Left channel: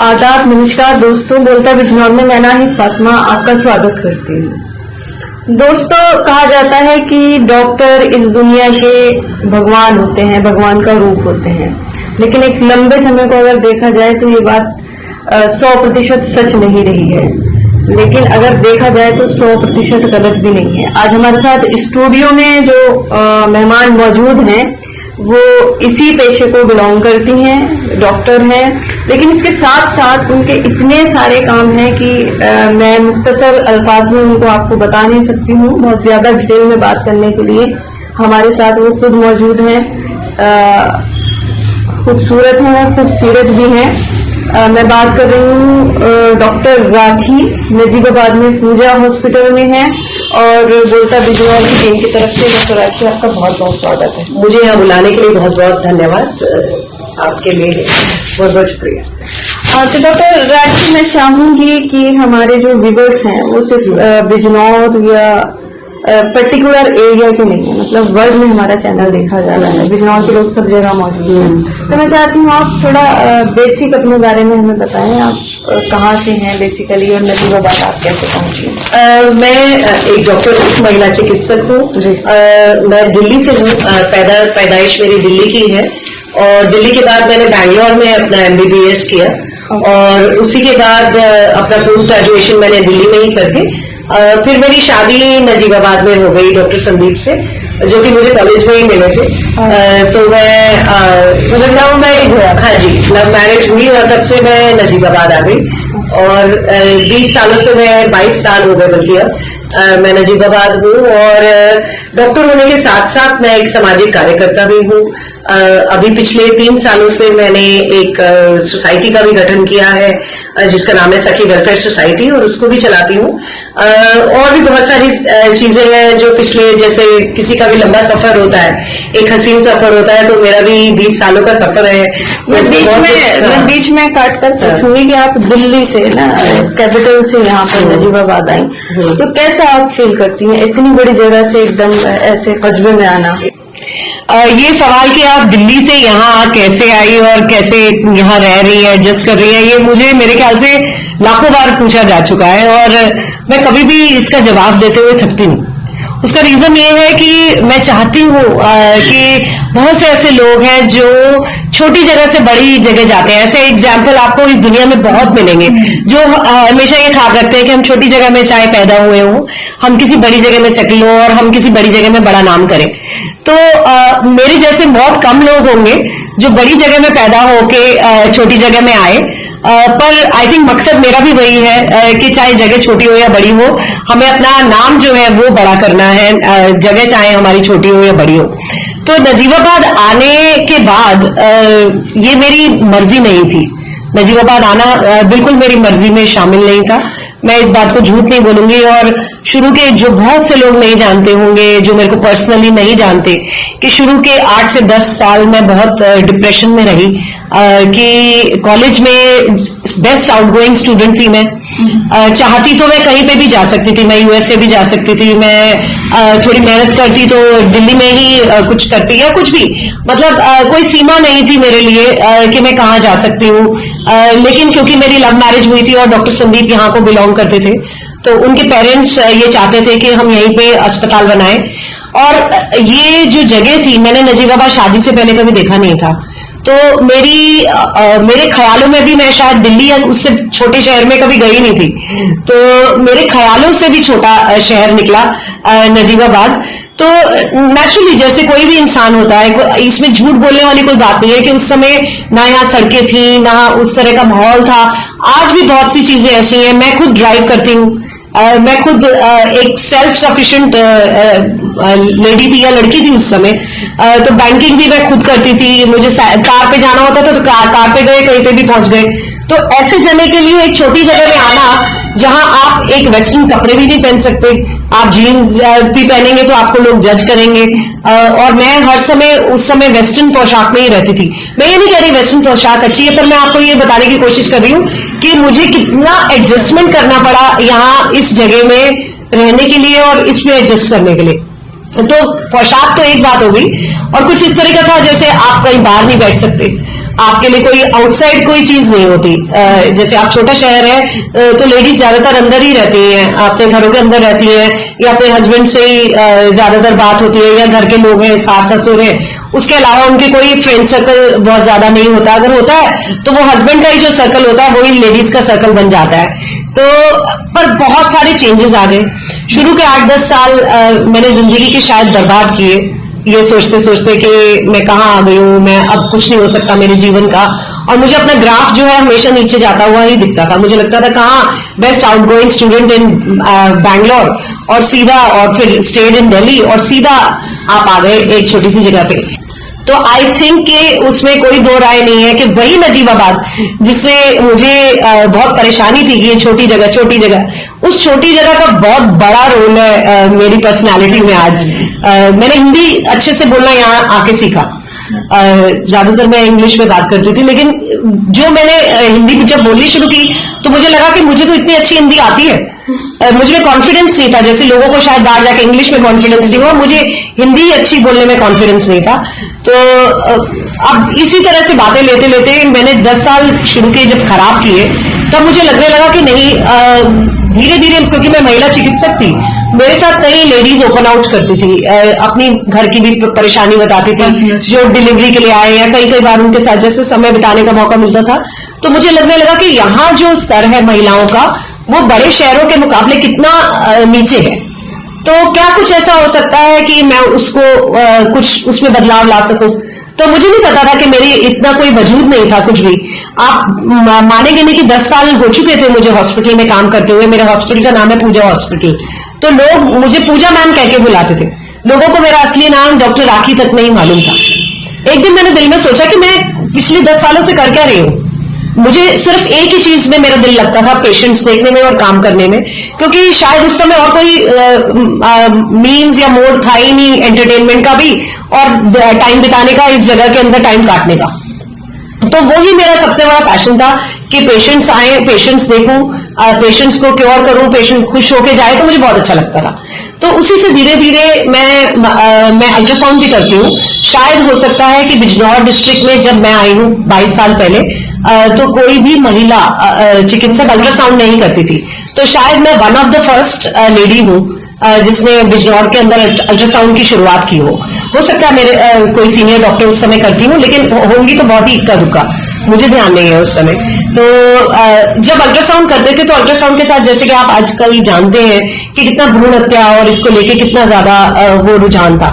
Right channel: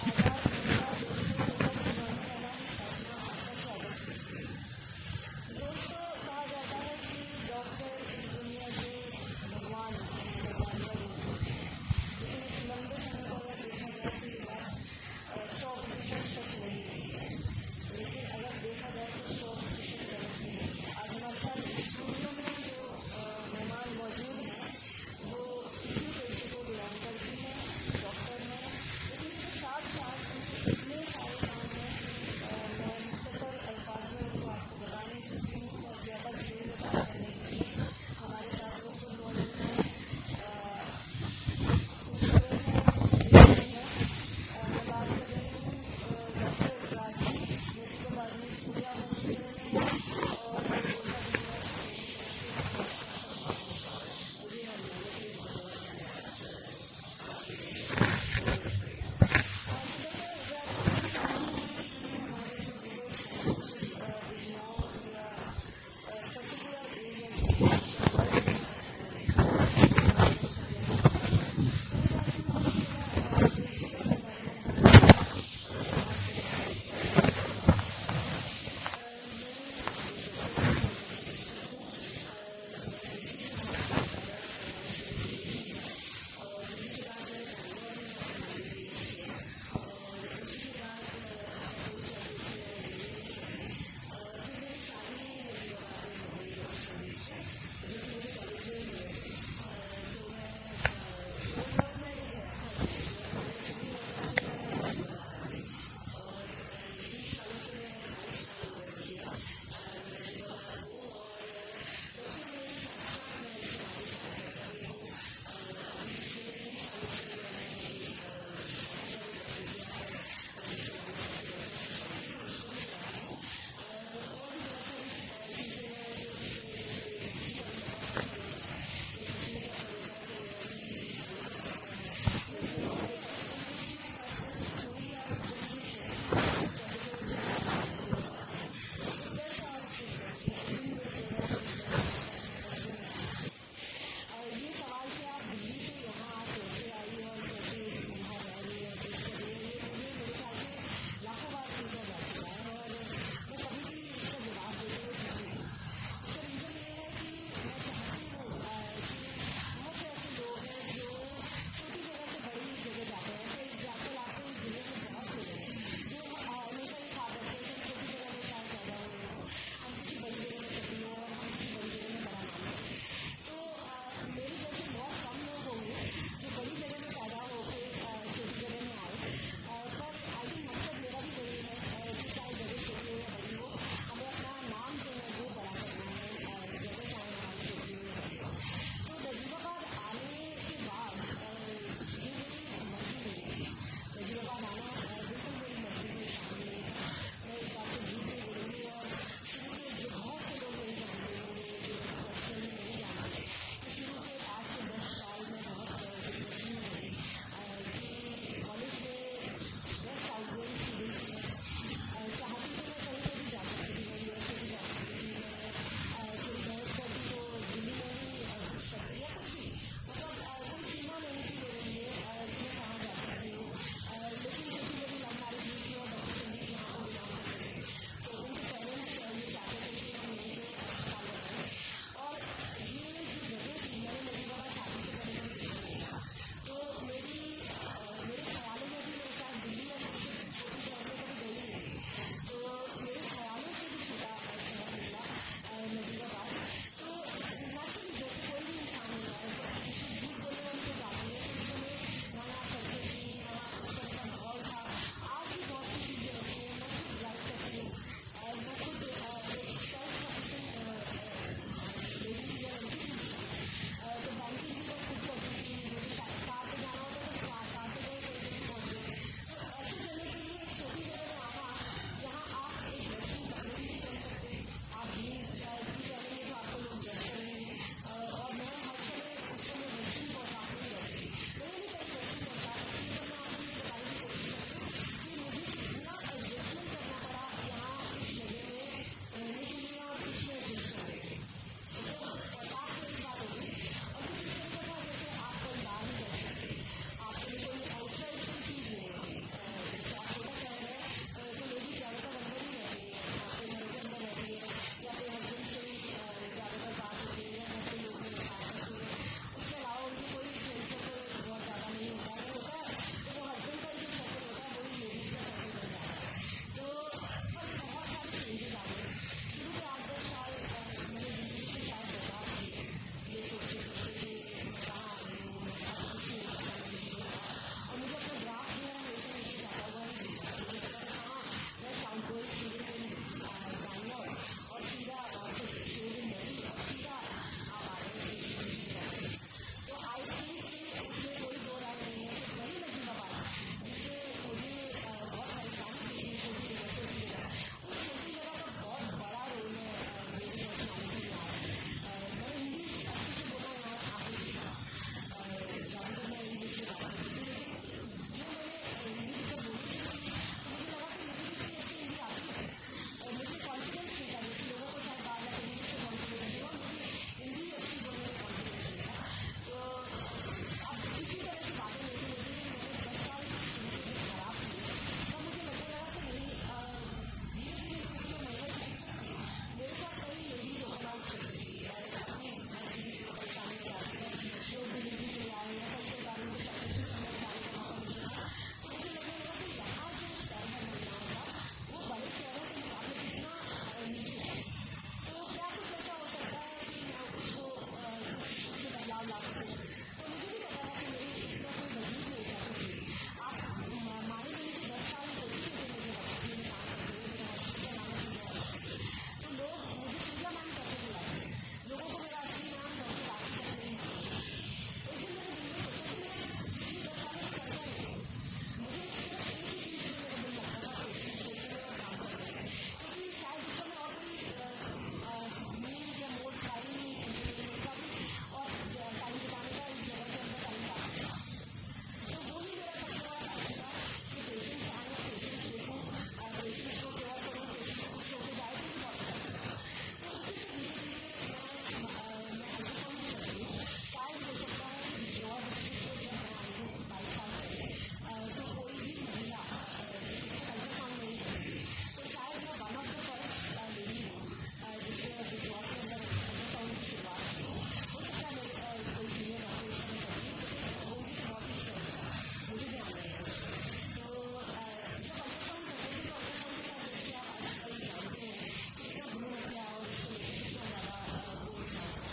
आदाब, नमस्कार दोस्तों। बोलता बिजनौर में मैं नाहिद फातिमा आपका स्वागत करती हूँ। दोस्तों, कहा जाता है कि डॉक्टर इस दुनिया के भगवान होते हैं, भगवान का रूप होते हैं, लेकिन एक लंबे समय को अगर देखा जाए तो ये बात 100% सच नहीं रही है, लेकिन अगर देखा जाए तो 100% गलत भी नहीं है। आज हमारे साथ स्टूडियो में जो मेहमान मौजूद हैं वो इसी पेशे को बिलोंग करती हैं, डॉक्टर हैं, लेकिन इसके साथ साथ उनके इतने सारे काम हैं कि मैं मुख्तसर अल्फाज में उनको आपको बता नहीं सकती हूँ। बहुत ज्यादा डिटेल में बात करने के लिए हमारे साथ वो खुद मौजूद हैं, खूबसूरत हैं, खूबसूरत भी हैं। मैं बात कर रही हूँ डॉक्टर राठी, नजीबाबाद में पूजा हॉस्पिटल में है, और बोलता बिजनौर की टीम की तरफ से डॉक्टर राठी आपका बहुत बहुत स्वागत है। मुझे यहाँ बुलाने के लिए बहुत बहुत धन्यवाद, आपके लिए बहुत बहुत शुक्रिया। तो डॉक्टर राठी, मैं चाहूंगी कि हमारे जो व्यूअर्स हैं वो सिर्फ बिजनौर या पर्टिकुलर एरिया के नहीं है, मतलब वर्ल्ड में हमारा चैनल देखा जा रहा है, बिजनौर के लोग सब जगह मौजूद हैं। तो मैं चाहती हूँ आप थोड़ा बेसिक अपने बारे में हमें बताएं, आप कहाँ से हैं बेसिकली और नजीबाबाद आप कैसे पहुंची? मैं एक डॉक्टर हूँ, महिला चिकित्सक हूँ। मैं दिल्ली से हूँ, पैदाइश मेरी दिल्ली की है, और दिल्ली के बाद मैंने बैंगलोर में अपना MBBS किया, और उसी के बाद अपना पोस्ट ग्रेजुएशन मैंने दिल्ली में ही करके फिर मेरी शादी नजीबाबाद में हो गई डॉक्टर संदीप से, जो कि मुझे कॉलेज में ही मिले थे। तो मैं लव मैरिज हुआ? हाँ जी, लव मैरिज हुई, और तब से मैं नजीबाबाद आ गई, और 20 सालों से मैं 22 साल हो गए बल्कि अब मैं नजीबाबाद हूँ। और डॉक्टर होने के साथ साथ मैं एक सामाजिक कार्यकर्ता भी हूँ। अभी पिछले 3 सालों से मैंने एक सोसाइटी का भी गठन किया है, जिसका नाम है सखी वेलफेयर सोसाइटी, और उसको भी चलाती हूँ। और भी बहुत सारी चीजें हैं जो पिछले, जैसे किसी का भी लंबा सफर होता है, एक हसीन सफर होता है, तो मेरा भी 20 सालों का सफर है। मैं बीच में काट कर पूछूंगी कि आप दिल्ली से ना, कैपिटल से यहाँ पर नजीबाबाद आई, तो कैसा आप फील करती हैं इतनी बड़ी जगह से एकदम ऐसे कस्बे में आना? ये सवाल कि आप दिल्ली से यहाँ कैसे आई और कैसे यहाँ रह रही है, एडजस्ट कर रही है, ये मुझे मेरे ख्याल से लाखों बार पूछा जा चुका है, और मैं कभी भी इसका जवाब देते हुए थकती नहीं। उसका रीजन ये है कि मैं चाहती हूँ कि बहुत से ऐसे लोग हैं जो छोटी जगह से बड़ी जगह जाते हैं। ऐसे एग्जाम्पल आपको इस दुनिया में बहुत मिलेंगे जो हमेशा ये ख्याल रखते हैं कि हम छोटी जगह में चाहे पैदा हुए हों, हम किसी बड़ी जगह में सेटल हों और हम किसी बड़ी जगह में बड़ा नाम करें। तो मेरे जैसे बहुत कम लोग होंगे जो बड़ी जगह में पैदा होके छोटी जगह में आए, पर आई थिंक मकसद मेरा भी वही है कि चाहे जगह छोटी हो या बड़ी हो, हमें अपना नाम जो है वो बड़ा करना है, जगह चाहे हमारी छोटी हो या बड़ी हो। तो नजीबाबाद आने के बाद ये मेरी मर्जी नहीं थी, नजीबाबाद आना बिल्कुल मेरी मर्जी में शामिल नहीं था। मैं इस बात को झूठ नहीं बोलूंगी, और शुरू के जो बहुत से लोग नहीं जानते होंगे, जो मेरे को पर्सनली नहीं जानते, कि शुरू के 8 से 10 साल मैं बहुत डिप्रेशन में रही, कि कॉलेज में बेस्ट आउटगोइंग स्टूडेंट थी मैं। चाहती तो मैं कहीं पे भी जा सकती थी, मैं USA भी जा सकती थी, मैं थोड़ी मेहनत करती तो दिल्ली में ही कुछ करती या कुछ भी, मतलब कोई सीमा नहीं थी मेरे लिए कि मैं कहाँ जा सकती हूँ। लेकिन क्योंकि मेरी लव मैरिज हुई थी और डॉक्टर संदीप यहाँ को बिलोंग करते थे, तो उनके पेरेंट्स ये चाहते थे कि हम यहीं पे अस्पताल बनाएं। और ये जो जगह थी, मैंने नजीबाबाद शादी से पहले कभी देखा नहीं था, तो मेरे ख्यालों में भी मैं शायद दिल्ली या उससे छोटे शहर में कभी गई नहीं थी, तो मेरे ख्यालों से भी छोटा शहर निकला नजीबाबाद। तो नेचुरली जैसे कोई भी इंसान होता है, इसमें झूठ बोलने वाली कोई बात नहीं है कि उस समय ना यहाँ सड़कें थी, ना उस तरह का माहौल था। आज भी बहुत सी चीजें ऐसी हैं। मैं खुद ड्राइव करती हूँ, मैं खुद एक सेल्फ सफिशिएंट लेडी थी या लड़की थी उस समय, तो बैंकिंग भी मैं खुद करती थी। मुझे कार पे जाना होता था तो कार पे गए, कहीं पे भी पहुंच गए। तो ऐसे जगह के लिए एक छोटी जगह में आना जहां आप एक वेस्टर्न कपड़े भी नहीं पहन सकते, आप जीन्स भी पहनेंगे तो आपको लोग जज करेंगे, और मैं हर समय उस समय वेस्टर्न पोशाक में ही रहती थी। मैं ये नहीं कह रही वेस्टर्न पोशाक अच्छी है, पर मैं आपको ये बताने की कोशिश कर रही हूँ कि मुझे कितना एडजस्टमेंट करना पड़ा यहाँ इस जगह में रहने के लिए और इसमें एडजस्ट करने के लिए। तो पोशाक तो एक बात हो गई, और कुछ इस तरह का था जैसे आप कहीं बाहर नहीं बैठ सकते, आपके लिए कोई आउटसाइड कोई चीज नहीं होती। जैसे आप छोटा शहर है तो लेडीज ज्यादातर अंदर ही रहती हैं, अपने घरों के अंदर रहती हैं, या अपने हस्बैंड से ही ज्यादातर बात होती है, या घर के लोग हैं, सास ससुर हैं, उसके अलावा उनके कोई फ्रेंड सर्कल बहुत ज्यादा नहीं होता। अगर होता है तो वो हस्बैंड का ही जो सर्कल होता है वही लेडीज का सर्कल बन जाता है। तो पर बहुत सारे चेंजेस आ गए। शुरू के 8-10 साल मैंने जिंदगी के शायद बर्बाद किए, ये सोचते सोचते कि मैं कहाँ आ गई हूँ, मैं अब कुछ नहीं हो सकता मेरे जीवन का। और मुझे अपना ग्राफ जो है हमेशा नीचे जाता हुआ ही दिखता था। मुझे लगता था कहाँ best outgoing student in Bangalore, और सीधा, और फिर स्टेड इन दिल्ली, और सीधा आप आ गए एक छोटी सी जगह पे। तो आई थिंक कि उसमें कोई दो राय नहीं है कि वही नजीबाबाद जिससे मुझे बहुत परेशानी थी कि ये छोटी जगह, उस छोटी जगह का बहुत बड़ा रोल है मेरी पर्सनालिटी में। आज मैंने हिंदी अच्छे से बोलना यहाँ आके सीखा। ज्यादातर मैं इंग्लिश में बात करती थी, लेकिन जो मैंने हिंदी जब बोलनी शुरू की तो मुझे लगा कि मुझे तो इतनी अच्छी हिंदी आती है। मुझे में कॉन्फिडेंस नहीं था, जैसे लोगों को शायद बाहर जाके इंग्लिश में कॉन्फिडेंस नहीं हुआ, मुझे हिंदी अच्छी बोलने में कॉन्फिडेंस नहीं था। तो अब इसी तरह से बातें लेते लेते मैंने 10 साल शुरू के जब खराब किए, तब मुझे लगने लगा कि नहीं, धीरे धीरे, क्योंकि मैं महिला चिकित्सक थी, मेरे साथ कई लेडीज ओपन आउट करती थी, अपनी घर की भी परेशानी बताती थी, जो डिलीवरी के लिए आए, या कई बार उनके साथ जैसे समय बिताने का मौका मिलता था। तो मुझे लगने लगा कि यहाँ जो स्तर है महिलाओं का, वो बड़े शहरों के मुकाबले कितना नीचे है। तो क्या कुछ ऐसा हो सकता है कि मैं उसको कुछ उसमें बदलाव ला सकूं? तो मुझे नहीं पता था कि मेरी इतना कोई वजूद नहीं था कुछ भी। आप मानेंगे नहीं कि 10 साल हो चुके थे मुझे हॉस्पिटल में काम करते हुए। मेरे हॉस्पिटल का नाम है पूजा हॉस्पिटल। तो लोग मुझे पूजा मैम कह के बुलाते थे। लोगों को मेरा असली नाम डॉक्टर राखी तक नहीं मालूम था। एक दिन मैंने दिल में सोचा कि मैं पिछले 10 सालों से कर क्या रही हूं। मुझे सिर्फ एक ही चीज में मेरा दिल लगता था, पेशेंट्स देखने में और काम करने में, क्योंकि शायद उस समय और कोई मीन्स या मोड था ही नहीं एंटरटेनमेंट का भी, और टाइम बिताने का, इस जगह के अंदर टाइम काटने का। तो वही मेरा सबसे बड़ा पैशन था कि पेशेंट्स आए, पेशेंट्स देखूं, पेशेंट्स को क्योर करूं, पेशेंट खुश होके जाए, तो मुझे बहुत अच्छा लगता था। तो उसी से धीरे धीरे मैं अल्ट्रासाउंड भी करती हूँ। शायद हो सकता है कि बिजनौर डिस्ट्रिक्ट में जब मैं आई हूँ 22 साल पहले, तो कोई भी महिला चिकित्सक अल्ट्रासाउंड नहीं करती थी। तो शायद मैं one of the first lady हूँ जिसने बिजनौर के अंदर अल्ट्रासाउंड की शुरुआत की हो सकता है मेरे कोई सीनियर डॉक्टर उस समय करती हूँ, लेकिन होंगी तो बहुत ही इक्का दुक्का, मुझे ध्यान नहीं है उस समय। तो जब अल्ट्रासाउंड करते थे तो अल्ट्रासाउंड के साथ, जैसे कि आप आजकल जानते हैं कि कितना भ्रूण हत्या और इसको लेके कितना ज्यादा वो रुझान था।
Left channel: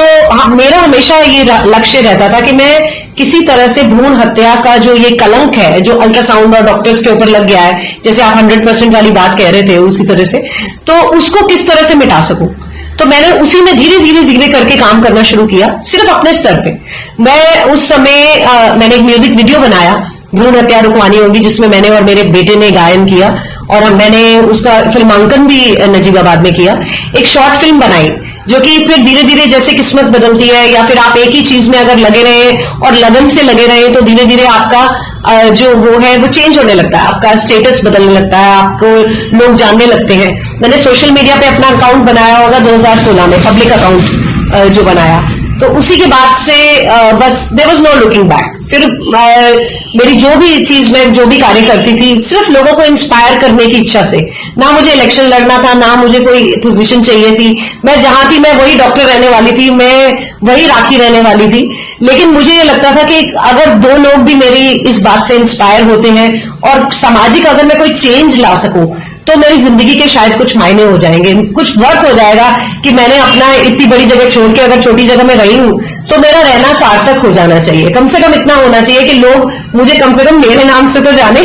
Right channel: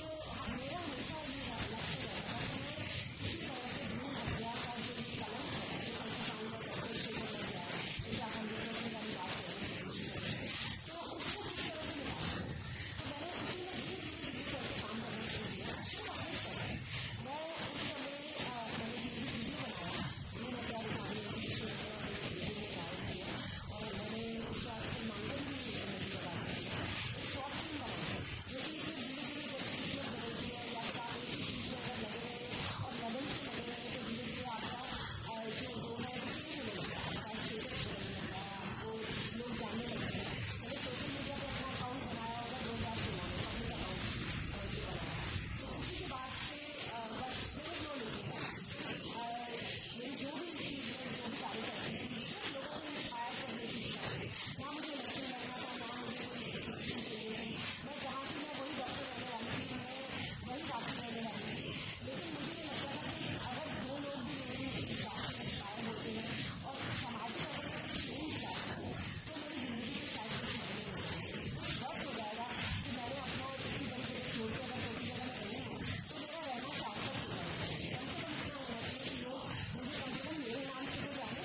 तो मेरा हमेशा ये लक्ष्य रहता था कि मैं किसी तरह से भ्रूण हत्या का जो ये कलंक है, जो अल्ट्रासाउंड और डॉक्टर्स के ऊपर लग गया है, जैसे आप 100% वाली बात कह रहे थे, उसी तरह से, तो उसको किस तरह से मिटा सकूं। तो मैंने उसी में धीरे धीरे करके काम करना शुरू किया, सिर्फ अपने स्तर पे। मैं उस समय मैंने एक म्यूजिक वीडियो बनाया, भ्रूण हत्या रुकवानी होगी, जिसमें मैंने और मेरे बेटे ने गायन किया, और मैंने उसका फिल्मांकन भी नजीबाबाद में किया। एक शॉर्ट फिल्म बनाई, जो कि फिर धीरे धीरे जैसे किस्मत बदलती है, या फिर आप एक ही चीज में अगर लगे रहे और लगन से लगे रहे, तो धीरे धीरे आपका जो वो है वो चेंज होने लगता है, आपका स्टेटस बदलने लगता है, आपको लोग जानने लगते हैं। मैंने सोशल मीडिया पे अपना अकाउंट बनाया होगा 2016 में, पब्लिक अकाउंट जो बनाया, तो उसी के बाद से बस there was no looking back. फिर मेरी जो भी चीज, मैं जो भी कार्य करती थी, सिर्फ लोगों को इंस्पायर करने की इच्छा से। ना मुझे इलेक्शन लड़ना था, ना मुझे कोई पोजीशन चाहिए थी। मैं जहां थी, मैं वही डॉक्टर रहने वाली थी, मैं वही राखी रहने वाली थी। लेकिन मुझे ये लगता था कि अगर 2 लोग भी मेरी इस बात से इंस्पायर होते हैं, और सामाजिक अगर मैं कोई चेंज ला सकूं, तो मेरी जिंदगी के शायद कुछ मायने हो जाएंगे, कुछ वर्थ हो जाएगा कि मैंने अपना इतनी बड़ी जगह छोड़ के अगर छोटी जगह में रही हूं, तो मेरा रहना सार्थक हो जाना चाहिए। कम से कम इतना होना चाहिए कि लोग मुझे कम से कम मेरे नाम से तो जाने,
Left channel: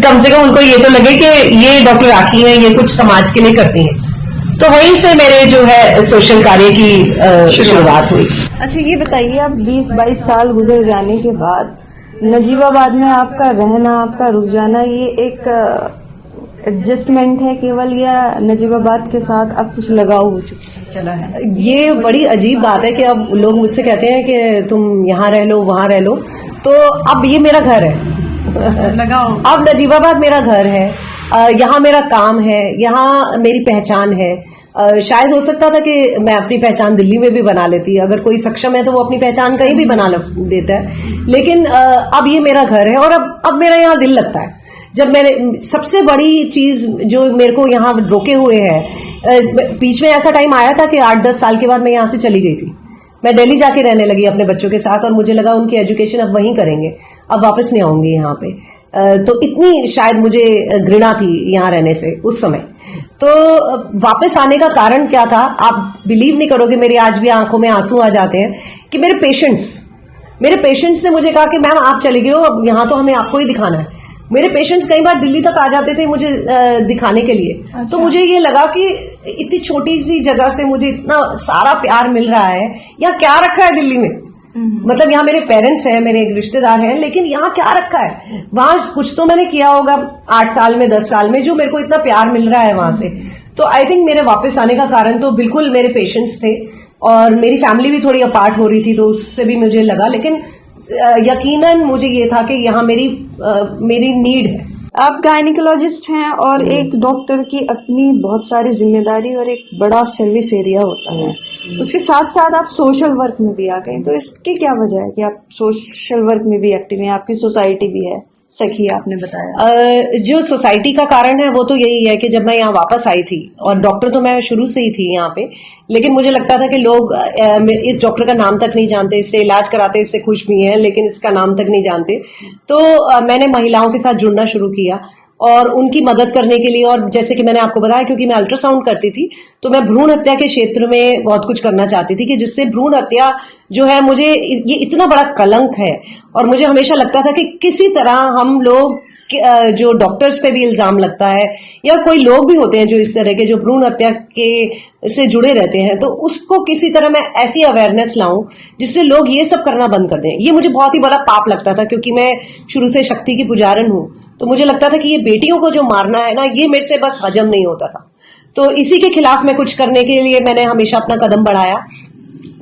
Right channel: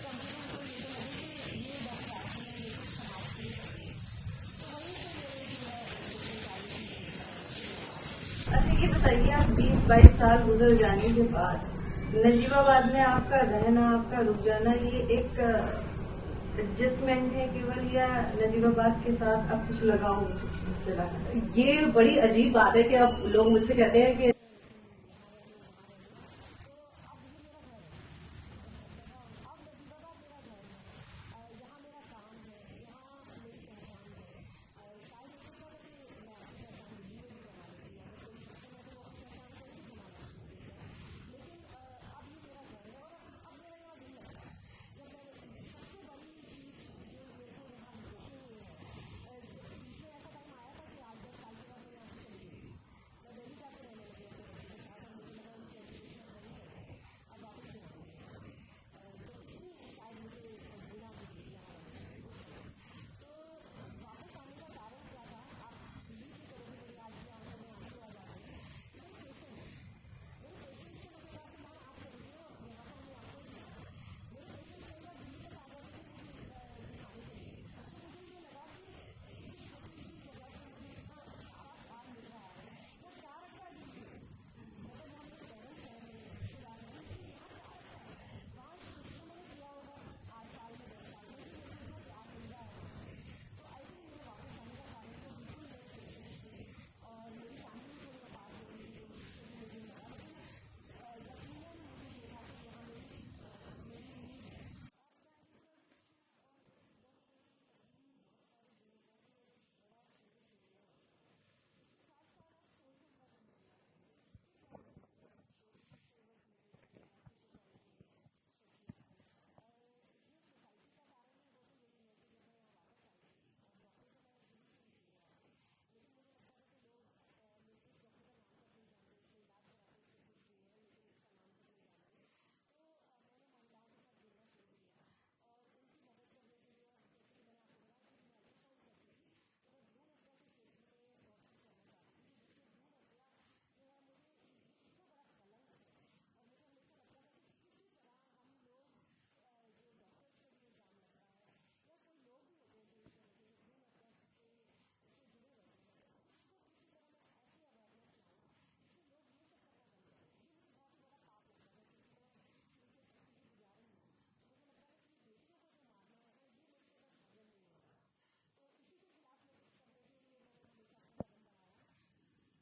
कम से कम उनको ये तो लगे कि ये डॉक्टर राखी है, ये कुछ समाज के लिए करती हैं। तो वहीं से मेरे जो है सोशल कार्य की शुरुआत हुई। अच्छा, ये बताइए, आप 20-22 साल गुजर जाने के बाद नजीबाबाद में आपका रहना, आपका रुक जाना, ये एक एडजस्टमेंट है केवल, या नजीबाबाद के साथ अब कुछ लगाव हो चला है? ये बड़ी अजीब बात है कि अब लोग मुझसे कहते हैं कि तुम यहाँ रह लो, वहां रह लो। तो अब ये मेरा घर है, लगाओ। अब नजीबाबाद मेरा घर है। यहाँ मेरा काम है, यहाँ मेरी पहचान है। शायद हो सकता था कि मैं अपनी पहचान दिल्ली में भी बना लेती, अगर कोई सक्षम है तो वो अपनी पहचान कहीं भी बना देता है, लेकिन अब ये मेरा घर है और अब मेरा यहाँ दिल लगता है। जब मैंने सबसे बड़ी चीज जो मेरे को यहाँ रोके हुए है, बीच में ऐसा टाइम आया था कि 8-10 साल के बाद मैं यहाँ से चली गई थी। मैं दिल्ली जाके रहने लगी अपने बच्चों के साथ और मुझे लगा उनकी एजुकेशन अब वहीं करेंगे, अब वापस नहीं आऊंगी यहाँ पे। तो इतनी शायद मुझे घृणा थी यहाँ रहने से उस समय। तो वापस आने का कारण क्या था, आप बिलीव नहीं करोगे, मेरी आज भी आंखों में आंसू आ जाते हैं कि मेरे पेशेंट्स ने मुझे कहा कि मैम आप चले गए हो, अब यहाँ तो हमें आपको ही दिखाना है। मेरे पेशेंट्स कई बार दिल्ली तक आ जाते थे मुझे दिखाने के लिए। अच्छा। तो मुझे ये लगा कि इतनी छोटी सी जगह से मुझे इतना सारा प्यार मिल रहा है, यहाँ क्या रखा है दिल्ली में? मतलब यहाँ मेरे पेरेंट्स हैं, मेरे एक रिश्तेदार हैं, लेकिन यहाँ क्या रखा है? वहां कुछ तो मैंने किया होगा 8 साल में 10 साल में जो मेरे को इतना प्यार मिल रहा है वहां से। तो आई थिंक मेरे वापस आने का कारण तो बिल्कुल मेरे पेशेंट्स थे, और मेरी फैमिली भी थोड़ी अपार्ट हो रही थी तो उससे भी मुझे लगा, लेकिन यकीनन मुझे ये था कि यहाँ मेरी नीड है। आप गायनिकोलॉजिस्ट हैं और एक डॉक्टर की अपनी बहुत सारी जिम्मेदारी और एक बड़ा सर्विस एरिया होता है, उसके साथ साथ आप सोशल वर्क में भी आ गए, तो इसकी क्या वजह है कि आप सोशल वर्क में भी एक्टिव हैं? आपकी सोसाइटी भी है सखी, आपने बताया। जो सोसाइटी का कारण है वो तो यही है कि जब मैं यहाँ वापस आई थी, और डॉक्टर तो मैं शुरू से ही थी यहाँ पे, लेकिन मुझे लगता था कि लोग इस डॉक्टर का नाम तक नहीं जानते, इससे इलाज कराते, इससे खुश भी हैं, लेकिन इसका नाम तक नहीं जानते। तो मैंने महिलाओं के साथ जुड़ना शुरू किया और उनकी मदद करने के लिए, और जैसे कि मैंने आपको बताया, क्योंकि मैं अल्ट्रासाउंड करती थी तो मैं भ्रूण हत्या के क्षेत्र में बहुत कुछ करना चाहती थी, कि जिससे भ्रूण हत्या जो है, मुझे ये इतना बड़ा कलंक है, और मुझे हमेशा लगता था कि किसी तरह हम लोग जो डॉक्टर्स पे भी इल्जाम लगता है, या कोई लोग भी होते हैं जो इस तरह के जो भ्रूण हत्या के से जुड़े रहते हैं, तो उसको किसी तरह मैं ऐसी अवेयरनेस लाऊं जिससे लोग ये सब करना बंद कर दें। ये मुझे बहुत ही बड़ा पाप लगता था, क्योंकि मैं शुरू से शक्ति की पुजारन हूं, तो मुझे लगता था कि ये बेटियों को जो मारना है ना, ये मेरे से बस हजम नहीं होता था। तो इसी के खिलाफ मैं कुछ करने के लिए मैंने हमेशा अपना कदम बढ़ाया,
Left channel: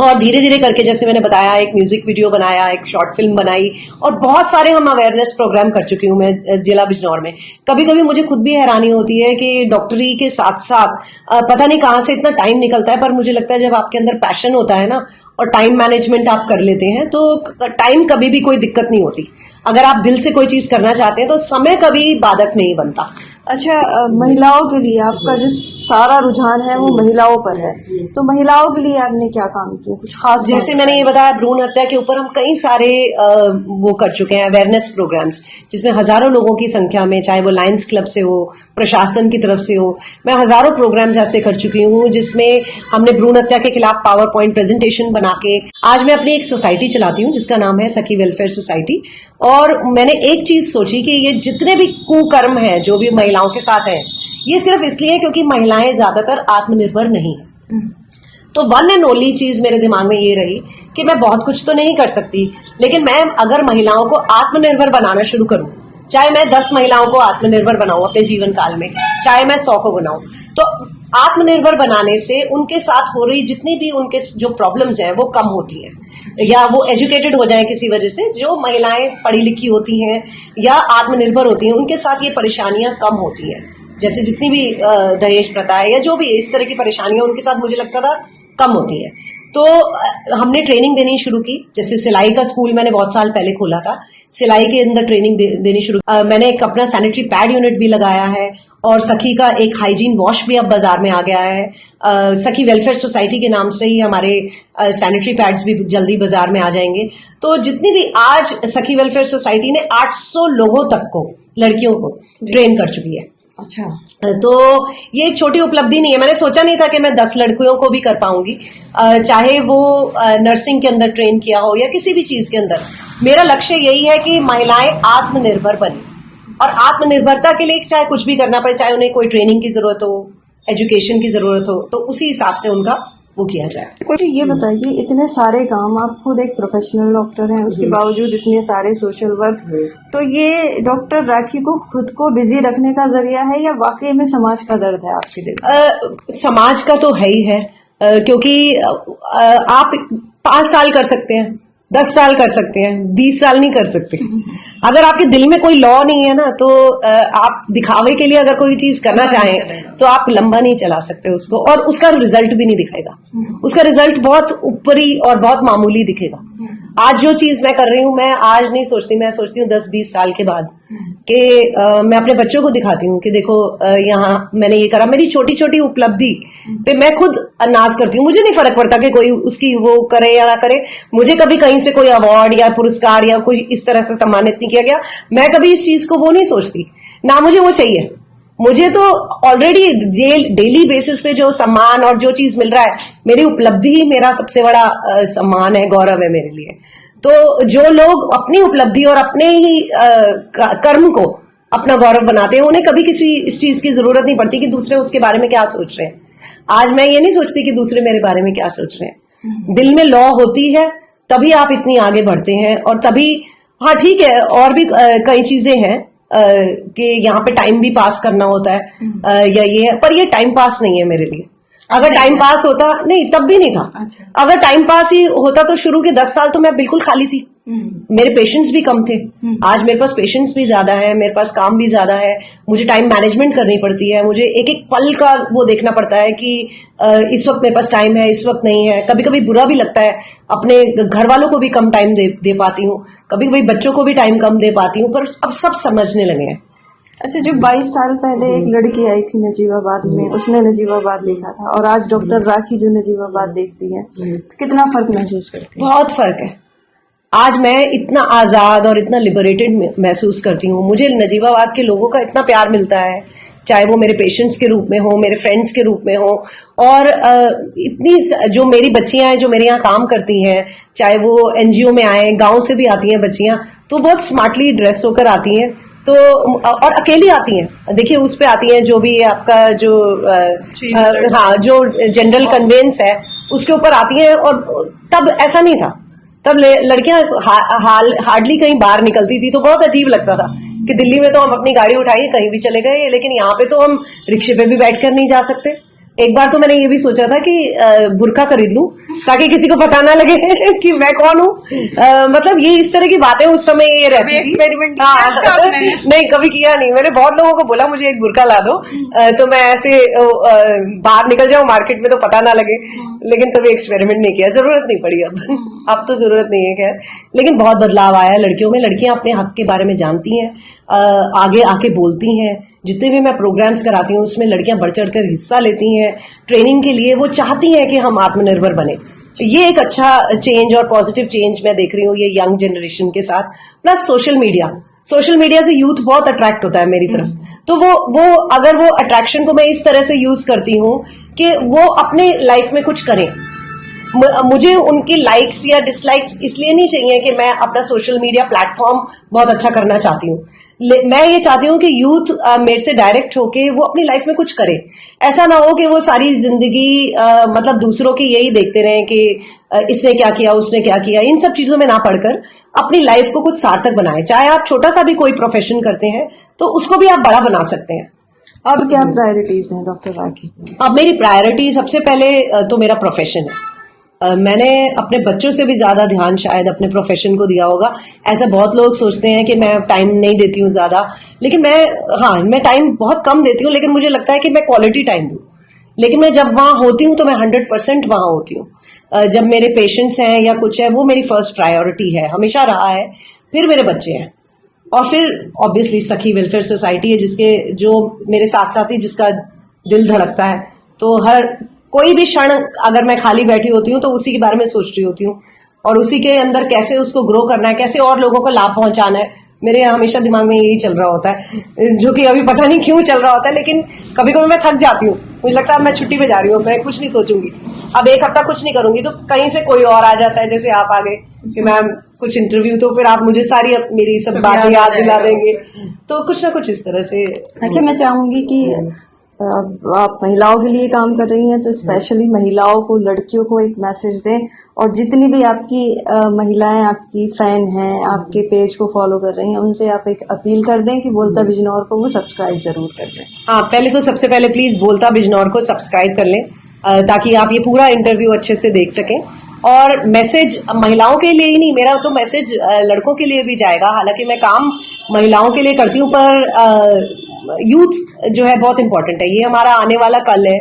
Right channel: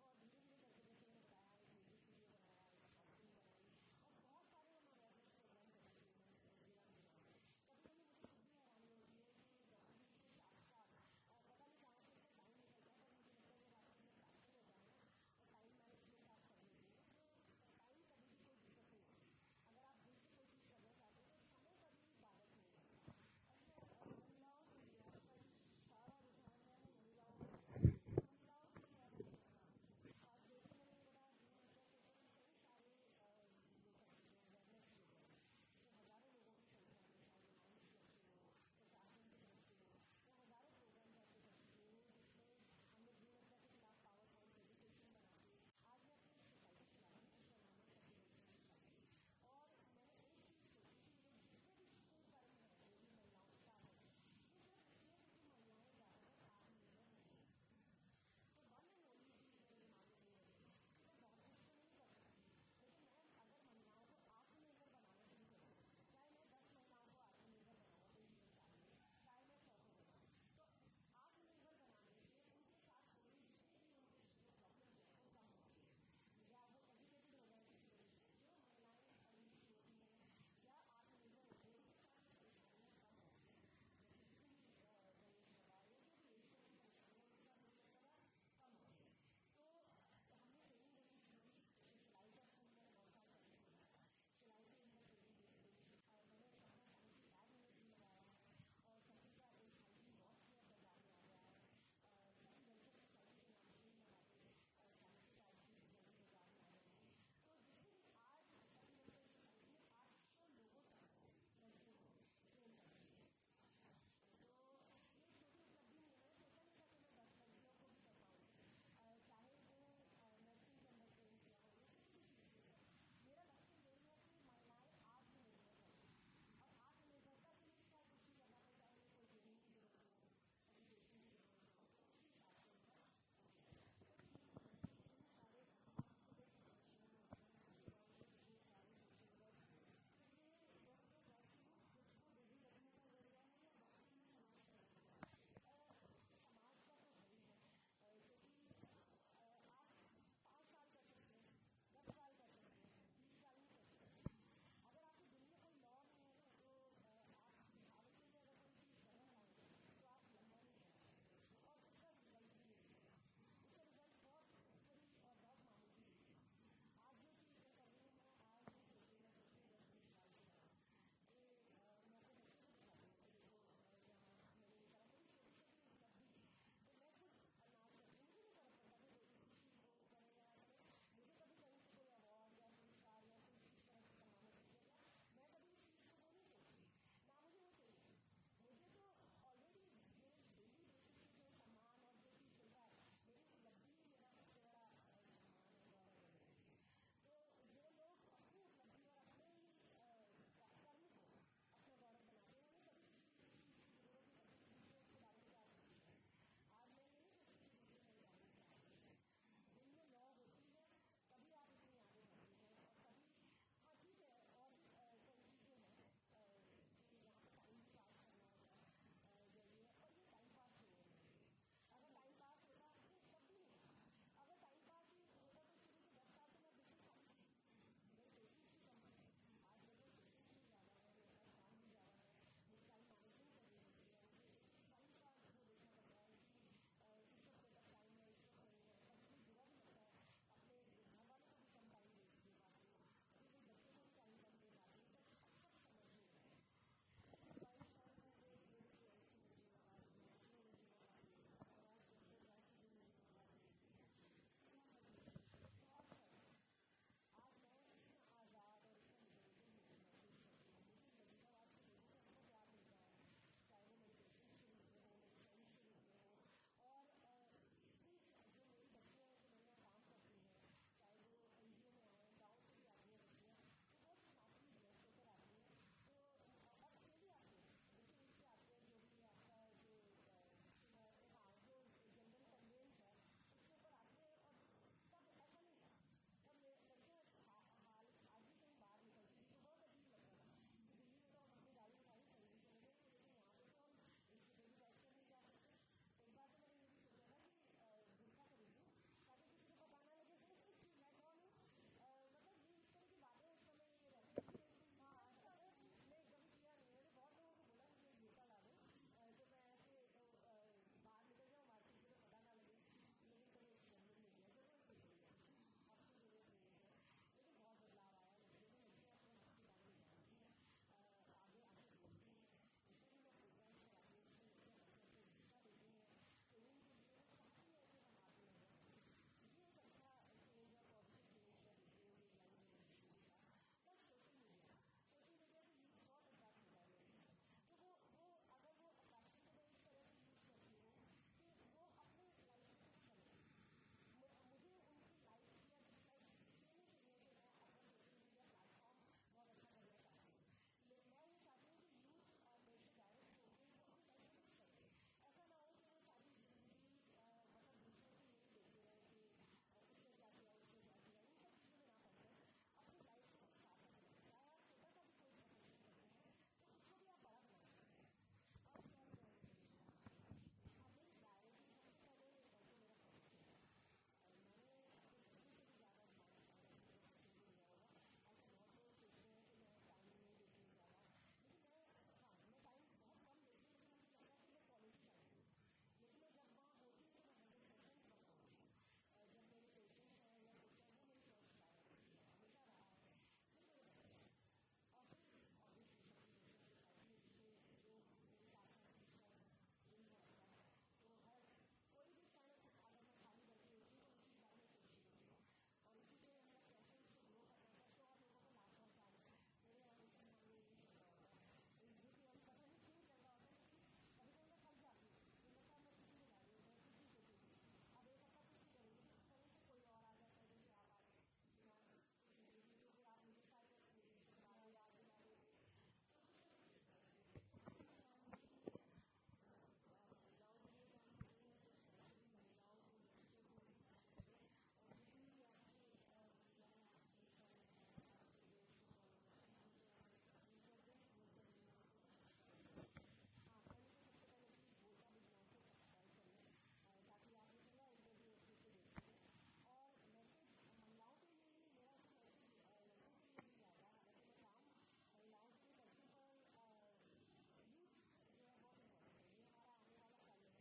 और धीरे धीरे करके, जैसे मैंने बताया, एक म्यूजिक वीडियो बनाया, एक शॉर्ट फिल्म बनाई, और बहुत सारे हम अवेयरनेस प्रोग्राम कर चुकी हूँ मैं जिला बिजनौर में। कभी कभी मुझे खुद भी हैरानी होती है कि डॉक्टरी के साथ साथ पता नहीं कहाँ से इतना टाइम निकलता है, पर मुझे लगता है जब आपके अंदर पैशन होता है ना, और टाइम मैनेजमेंट आप कर लेते हैं, तो टाइम कभी भी कोई दिक्कत नहीं होती। अगर आप दिल से कोई चीज करना चाहते हैं तो समय कभी बाधक नहीं बनता। अच्छा, महिलाओं के लिए आपका जो सारा रुझान है वो महिलाओं पर है, तो महिलाओं के लिए आपने क्या काम किया, कुछ खास? जैसे मैंने ये बताया, भ्रूण हत्या के ऊपर हम कई सारे वो कर चुके हैं अवेयरनेस प्रोग्राम्स, जिसमें हजारों लोगों की संख्या में, चाहे वो लायंस क्लब से हो, प्रशासन की तरफ से हो, मैं हजारों प्रोग्राम्स ऐसे कर चुकी हूँ, जिसमें हमने भ्रूण हत्या के खिलाफ पावर पॉइंट प्रेजेंटेशन बना के, आज मैं अपनी एक सोसाइटी चलाती हूँ जिसका नाम है सखी वेलफेयर सोसाइटी। और मैंने एक चीज सोची कि ये जितने भी कुकर्म है जो भी महिलाओं के साथ है, ये सिर्फ इसलिए क्योंकि महिलाएं ज्यादातर आत्मनिर्भर नहीं है। तो वन एंड ओनली चीज मेरे दिमाग में ये रही कि मैं बहुत कुछ तो नहीं कर सकती, लेकिन मैं अगर महिलाओं को आत्मनिर्भर बनाना शुरू करूं, चाहे मैं 10 महिलाओं को आत्मनिर्भर बनाऊं अपने जीवन काल में, चाहे मैं 100 को बनाऊं, तो आत्मनिर्भर बनाने से उनके साथ हो रही जितनी भी उनके जो प्रॉब्लम्स हैं वो कम होती हैं, या वो एजुकेटेड हो जाए किसी वजह से। जो महिलाएं पढ़ी लिखी होती हैं या आत्मनिर्भर होती हैं, उनके साथ ये परेशानियां कम होती हैं। जैसे जितनी भी दहेज प्रथा है या जो भी इस तरह की परेशानियां, उनके साथ मुझे लगता था कम होती है। तो हमने ट्रेनिंग देनी शुरू की। जैसे सिलाई का स्कूल मैंने बहुत साल पहले खोला था, सिलाई के अंदर ट्रेनिंग देनी शुरू। मैंने एक अपना सैनिटरी पैड यूनिट भी लगाया है, और सखी का एक हाइजीन वॉश भी अब बाजार में आ गया है। सखी वेलफेयर सोसाइटी के नाम से ही हमारे सैनिटरी पैड्स भी जल्दी बाजार में आ जाएंगे। तो जितनी भी आज सखी वेलफेयर सोसाइटी ने 800 लोगों तक को, लड़कियों को ट्रेन कर चुकी है। अच्छा, तो ये एक छोटी उपलब्धि नहीं है। मैंने सोचा नहीं था कि मैं 10 लड़कियों को भी कर पाऊंगी, चाहे वो नर्सिंग के अंदर ट्रेन किया हो या किसी भी चीज के अंदर। मेरा लक्ष्य यही है कि महिलाएं आत्मनिर्भर बने, और आत्मनिर्भरता के लिए चाहे कुछ भी करना पड़े, चाहे उन्हें कोई ट्रेनिंग की जरूरत हो, एजुकेशन की जरूरत हो, तो उसी हिसाब से उनका वो किया जाए। कुछ ये बताइए, इतने सारे काम, आप खुद एक प्रोफेशनल डॉक्टर हैं, उसके बावजूद इतने सारे सोशल वर्क, तो ये डॉक्टर राखी को खुद को बिजी रखने का जरिया है या वाकई में समाज का दर्द है आपके दिल? समाज का तो है ही है, क्योंकि आप 5 साल कर सकते हैं, 10 साल कर सकते हैं, 20 साल नहीं कर सकते। अगर आपके दिल में कोई लॉ नहीं है ना, तो आप दिखावे के लिए अगर कोई चीज करना चाहें तो आप लंबा नहीं चला सकते उसको, और उसका रिजल्ट भी नहीं दिखेगा। उसका रिजल्ट बहुत ऊपरी और बहुत मामूली दिखेगा। आज जो चीज मैं कर रही हूँ, मैं आज नहीं सोचती, मैं सोचती हूँ 10-20 साल के बाद कि मैं अपने बच्चों को दिखाती हूँ कि देखो यहाँ मैंने ये करा। मेरी छोटी छोटी उपलब्धि पे मैं खुद नाज करती हूँ। मुझे नहीं फर्क पड़ता कि कोई उसकी वो करे या ना करे। मुझे कभी कहीं से कोई अवार्ड या पुरस्कार या कोई इस तरह से सम्मानित नहीं किया गया। मैं कभी इस चीज को वो नहीं सोचती, ना मुझे वो चाहिए। मुझे तो ऑलरेडी डेली बेसिस पे जो सम्मान और जो चीज मिल रहा है, मेरी उपलब्धि ही मेरा सबसे बड़ा सम्मान है, गौरव है मेरे लिए। तो जो लोग अपनी उपलब्धि और अपने ही कर्म को अपना गौरव बनाते हैं, उन्हें कभी किसी इस चीज की जरूरत नहीं पड़ती कि दूसरे उसके बारे में क्या सोच रहे हैं। आज मैं ये नहीं सोचती कि दूसरे मेरे बारे में क्या सोच रहे हैं। दिल में लौ होती है तभी आप इतनी आगे बढ़ते हैं, और तभी हाँ ठीक है, और भी कई चीजें हैं कि यहाँ पे टाइम भी पास करना होता है या ये, पर ये टाइम पास नहीं है मेरे लिए। अगर टाइम पास होता, नहीं तब भी नहीं था। अच्छा। अगर टाइम पास ही होता तो शुरू के 10 साल तो मैं बिल्कुल खाली थी। मेरे पेशेंट्स भी कम थे। आज मेरे पास पेशेंट्स भी ज्यादा है, मेरे पास काम भी ज्यादा है, मुझे टाइम मैनेजमेंट करनी पड़ती है, मुझे एक एक पल का वो देखना पड़ता है कि इस वक्त मेरे पास टाइम है, इस वक्त नहीं है। कभी कभी बुरा भी लगता है, अपने घर वालों को भी कम टाइम दे पाती हूँ, कभी कभी बच्चों को भी टाइम कम दे पाती हूँ, पर अब सब समझने लगे हैं। अच्छा, जो 22 साल पहले एक लड़की आई थी नजीबाबाद में, उसने नजीबाबाद देखा था, और आज डॉक्टर राखी जो नजीबाबाद देखती है, तो कितना फर्क महसूस करती है? बहुत फर्क है। आज मैं इतना आजाद और इतना लिबरेटेड महसूस करती हूँ। मुझे नजीबाबाद के लोगों का इतना प्यार मिलता है, चाहे वो मेरे पेशेंट्स के रूप में हो, मेरे फ्रेंड्स के रूप में हो, और इतनी जो मेरी बच्चियां हैं जो मेरे यहाँ काम करती हैं, चाहे वो एनजीओ में आए, गांव से भी आती हैं बच्चियां, तो बहुत स्मार्टली ड्रेस होकर आती हैं, तो और अकेली आती हैं। देखिए उस पे आती हैं जो भी आपका जो हाँ जो जनरल कन्वेंस है उसके ऊपर आती हैं, और तब ऐसा नहीं था। तब लड़कियां हार्डली कहीं बाहर निकलती थी, तो बहुत अजीब लगता था कि दिल्ली में तो हम अपनी गाड़ी उठाइए कहीं भी चले गए, लेकिन यहाँ पे तो हम रिक्शे पे भी बैठकर नहीं जा सकते। एक बार तो मैंने ये भी सोचा था कि बुर्का खरीद लूं ताकि किसी को पता ना लगे कि मैं कौन हूँ। मतलब ये इस तरह की बातें उस समय ये रहती थी। एक्सपेरिमेंट नहीं कभी किया नहीं। मैंने बहुत लोगों को बोला मुझे एक बुर्का ला दो, तो मैं ऐसे बाहर निकल जाऊं मार्केट में तो पता ना लगे, लेकिन कभी एक्सपेरिमेंट नहीं किया, जरूरत नहीं पड़ी। अब तो जरूरत नहीं है खैर, लेकिन बहुत बदलाव आया है लड़कियों में। लड़कियां अपने हक के बारे में जानती हैं, आगे आके बोलती हैं। जितने भी मैं प्रोग्राम्स कराती हूँ उसमें लड़कियां बढ़ चढ़कर हिस्सा लेती हैं। ट्रेनिंग के लिए वो चाहती हैं कि हम आत्मनिर्भर बने। ये एक अच्छा चेंज और पॉजिटिव चेंज मैं देख रही हूँ ये यंग जनरेशन के साथ। प्लस सोशल मीडिया से यूथ बहुत अट्रैक्ट होता है मेरी तरफ। तो वो अगर वो अट्रैक्शन को मैं इस तरह से यूज करती हूँ कि वो अपने लाइफ में कुछ करें। मुझे उनकी लाइक्स या डिसलाइक्स इसलिए नहीं चाहिए कि मैं अपना सोशल मीडिया प्लेटफॉर्म बहुत अच्छा करना चाहती हूँ। मैं ये चाहती हूँ कि यूथ मेरे से डायरेक्ट होके वो अपनी लाइफ में कुछ करे। ऐसा ना हो कि वो सारी जिंदगी मतलब दूसरों की यही देखते रहें कि इसने क्या किया, उसने क्या किया। इन सब चीजों में ना पढ़कर अपनी लाइफ को कुछ सार्थक बनाएं। चाहे आप छोटा सा भी कोई प्रोफेशन करते हैं तो उसको भी आप बड़ा बना सकते हैं। अब क्या प्रायोरिटीज हैं डॉक्टर राखी? अब मेरी प्रायोरिटी सबसे पहले तो मेरा प्रोफेशन है। मैंने अपने बच्चों से भी ज्यादा ध्यान शायद अपने प्रोफेशन को दिया होगा। ऐसा बहुत लोग सोचते हैं कि मैं टाइम नहीं देती हूँ ज्यादा, लेकिन मैं टाइम बहुत कम देती हूँ, लेकिन मुझे लगता है कि मैं क्वालिटी टाइम दूँ। लेकिन मैं जब वहां होती हूँ तो मैं 100% वहां होती हूँ। जब मेरे पेशेंट्स हैं या कुछ है, वो मेरी फर्स्ट प्रायोरिटी है, हमेशा रहा है। फिर मेरे बच्चे हैं, और फिर ऑब्वियसली सखी वेलफेयर सोसाइटी है, जो मेरे साथ साथ ही जिसका दिल धड़कता है। तो हर कोई भी क्षण अगर मैं खाली बैठी होती हूँ तो उसी के बारे में सोच रही होती हूँ, और उसी के अंदर कैसे उसको ग्रो करना है, कैसे और लोगों को लाभ पहुंचाना है। मेरे हमेशा दिमाग में यही चल रहा होता है, जो कि अभी पता नहीं क्यों चल रहा होता है। लेकिन कभी कभी मैं थक जाती हूँ, मुझे लगता है मैं छुट्टी पे जा रही हूँ, मैं कुछ नहीं सोचूंगी, अब एक हफ्ता कुछ नहीं करूंगी, तो कहीं से कोई और आ जाता है, जैसे आप आ गए कि मैम कुछ इंटरव्यू, तो फिर आप मुझे सारी मेरी सब बातें याद दिला देंगे, तो कुछ ना कुछ इस तरह से। अच्छा, मैं चाहूंगी कि आप महिलाओं के लिए काम कर रही हैं, तो स्पेशली महिलाओं को, लड़कियों को एक मैसेज दें, और जितनी भी आपकी महिलाएं आपकी फैन हैं, आपके पेज को फॉलो कर रही हैं, उनसे आप एक अपील कर दें कि बोलता बिजनौर को वो सब्सक्राइब जरूर कर दें। हाँ, पहले तो सबसे पहले प्लीज बोलता बिजनौर को सब्सक्राइब कर लें, ताकि आप ये पूरा इंटरव्यू अच्छे से देख सकें। और मैसेज महिलाओं के लिए ही नहीं, मेरा तो मैसेज लड़कों के लिए भी जाएगा। हालांकि मैं काम महिलाओं के लिए करती हूँ, पर यूथ जो है बहुत इंपॉर्टेंट है, ये हमारा आने वाला कल है।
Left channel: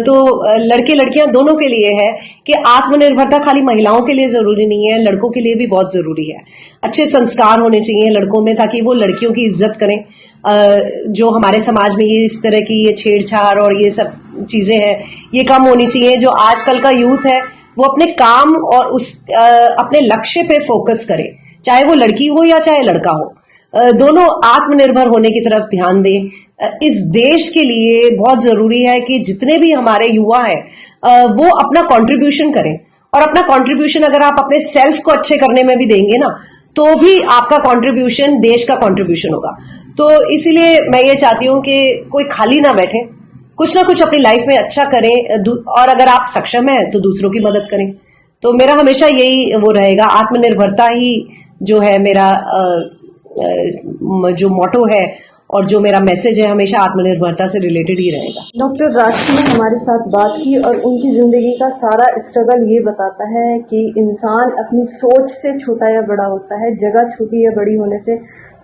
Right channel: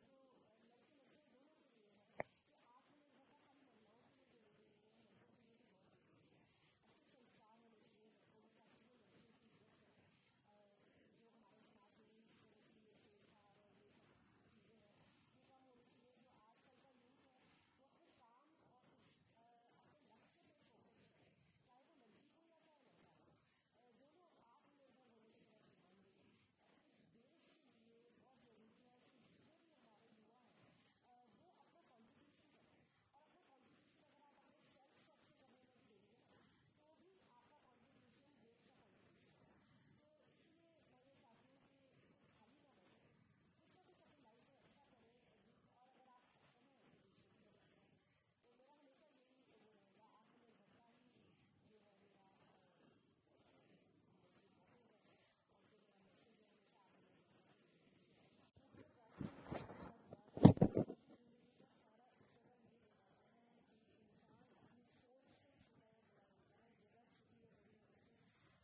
तो लड़के लड़कियां दोनों के लिए है कि आत्मनिर्भरता खाली महिलाओं के लिए जरूरी नहीं है, लड़कों के लिए भी बहुत जरूरी है। अच्छे संस्कार होने चाहिए लड़कों में, ताकि वो लड़कियों की इज्जत करें। जो हमारे समाज में ये इस तरह की ये छेड़छाड़ और ये सब चीजें हैं, ये कम होनी चाहिए। जो आजकल का यूथ है वो अपने काम और अपने लक्ष्य पे फोकस करे, चाहे वो लड़की हो या चाहे लड़का हो, दोनों आत्मनिर्भर होने की तरफ ध्यान दें। इस देश के लिए बहुत जरूरी है कि जितने भी हमारे युवा हैं वो अपना कंट्रीब्यूशन करें, और अपना कंट्रीब्यूशन अगर आप अपने सेल्फ को अच्छे करने में भी देंगे ना, तो भी आपका कंट्रीब्यूशन देश का कंट्रीब्यूशन होगा। तो इसीलिए मैं ये चाहती हूँ कि कोई खाली ना बैठे, कुछ ना कुछ अपनी लाइफ में अच्छा करें, और अगर आप सक्षम हैं तो दूसरों की मदद करें। तो मेरा हमेशा यही वो रहेगा, आत्मनिर्भरता ही जो है मेरा जो मोटो है और जो मेरा मैसेज है, हमेशा आत्मनिर्भरता से रिलेटेड ही रहेगा। डॉक्टर राखी ने हमारे साथ बात की और उनकी जिंदगी का सारा स्ट्रगल ये बताता है कि इंसान अपनी सोच से छोटा या बड़ा होता है, जगह छोटी या बड़ी होने से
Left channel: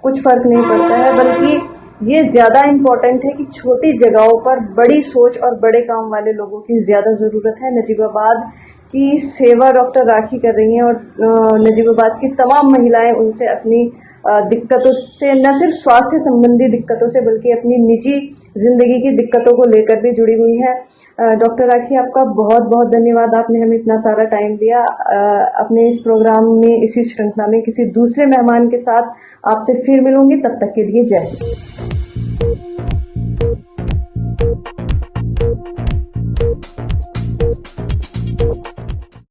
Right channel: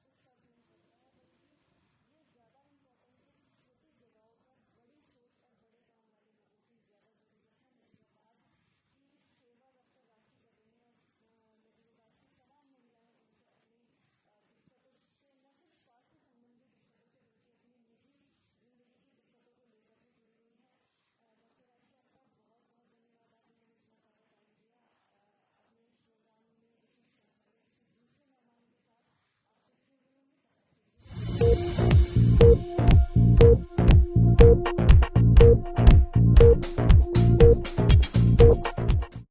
कुछ फर्क नहीं पड़ता है, बल्कि ये ज्यादा इम्पोर्टेंट है कि छोटी जगहों पर बड़ी सोच और बड़े काम वाले लोगों की ज्यादा जरूरत है। नजीबाबाद की सेवा डॉक्टर राखी कर रही हैं और नजीबाबाद की तमाम महिलाएं उनसे अपनी दिक्कतों से, न सिर्फ स्वास्थ्य संबंधी दिक्कतों से बल्कि अपनी निजी जिंदगी की दिक्कतों को लेकर भी जुड़ी हुई है। डॉक्टर राखी, आपका बहुत बहुत धन्यवाद, आपने हमें इतना सारा टाइम दिया। अपने इस प्रोग्राम में, इसी श्रृंखला में किसी दूसरे मेहमान के साथ आपसे फिर मिलूंगी, तब तक के लिए जय हिंद।